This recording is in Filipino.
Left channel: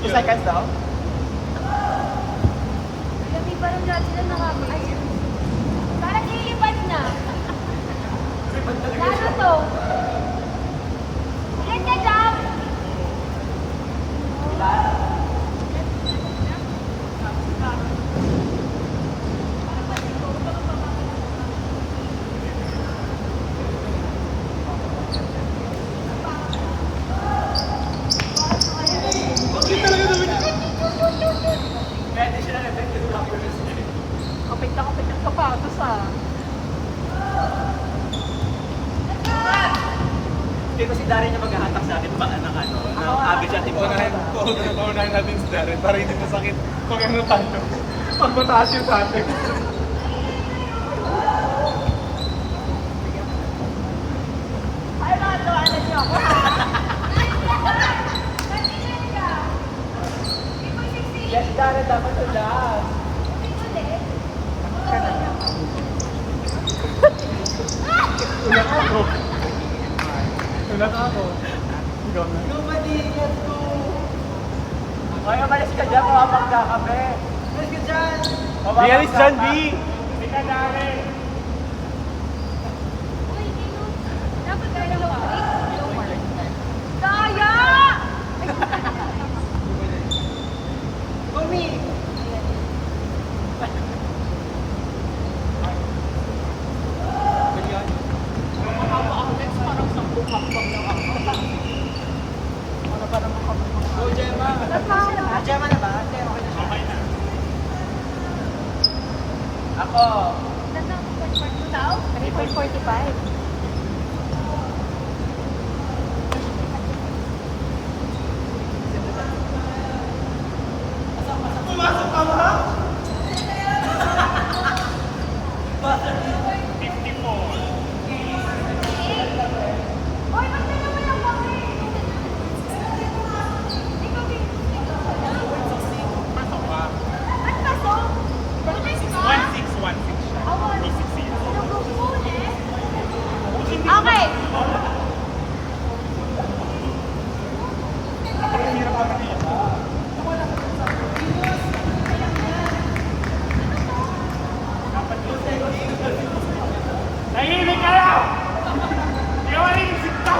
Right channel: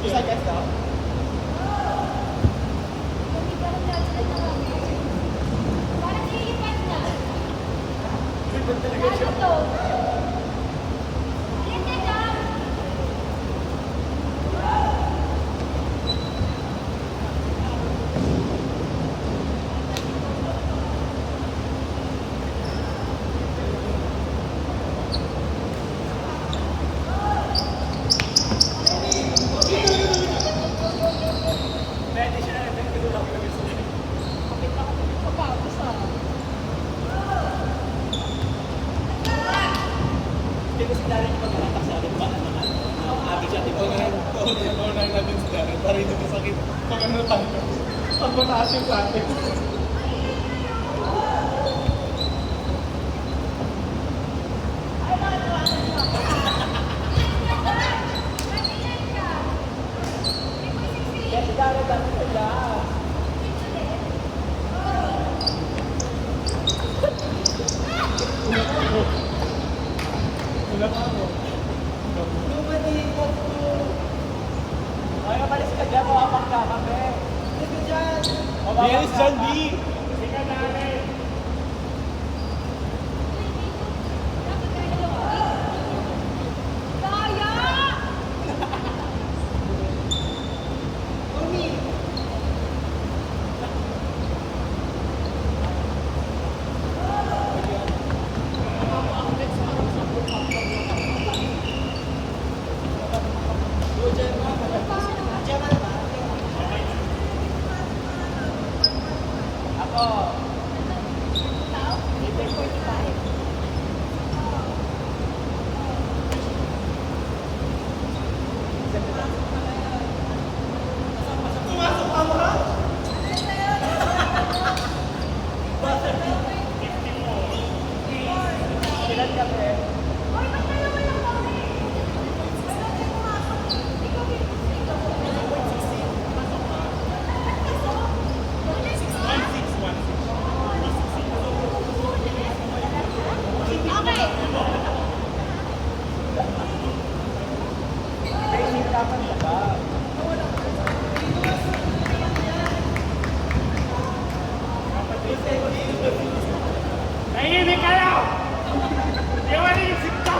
2 seconds daw? Dami pa rin lahat sila nakakain. Parang nilipad na. Lipad talaga siya. Ano to? Yan na lang. Pwede siya na natin kasi mapulis niya. Kapit ako sa kapagos ah. Dito si Darren na maghahatak sa atin ba anak ano? Agad natin ko na Pagkain natin si Darren para hindi masakit pag ano tayo. Pag mataas yung sa atin. Ay, mga tawanan niyo ako, ha? Yes, si Darren dapat ko siya. Ulat ako. Ulat ako. Ikaw na. Ay, umalis ka dyan, mawapag ka kami. Umalis ka dyan. Di alis dyan, B! Hindi ka Darren. Go, Gemma. Gemma na ba? Ako. 3.45. Pumasok ka mo ha? Basta 54. Hoy, ba't na naman lang kami? Ikaw, ba't pasok? Okay. Tahimik ka lang! Hindi ako nainisip ka!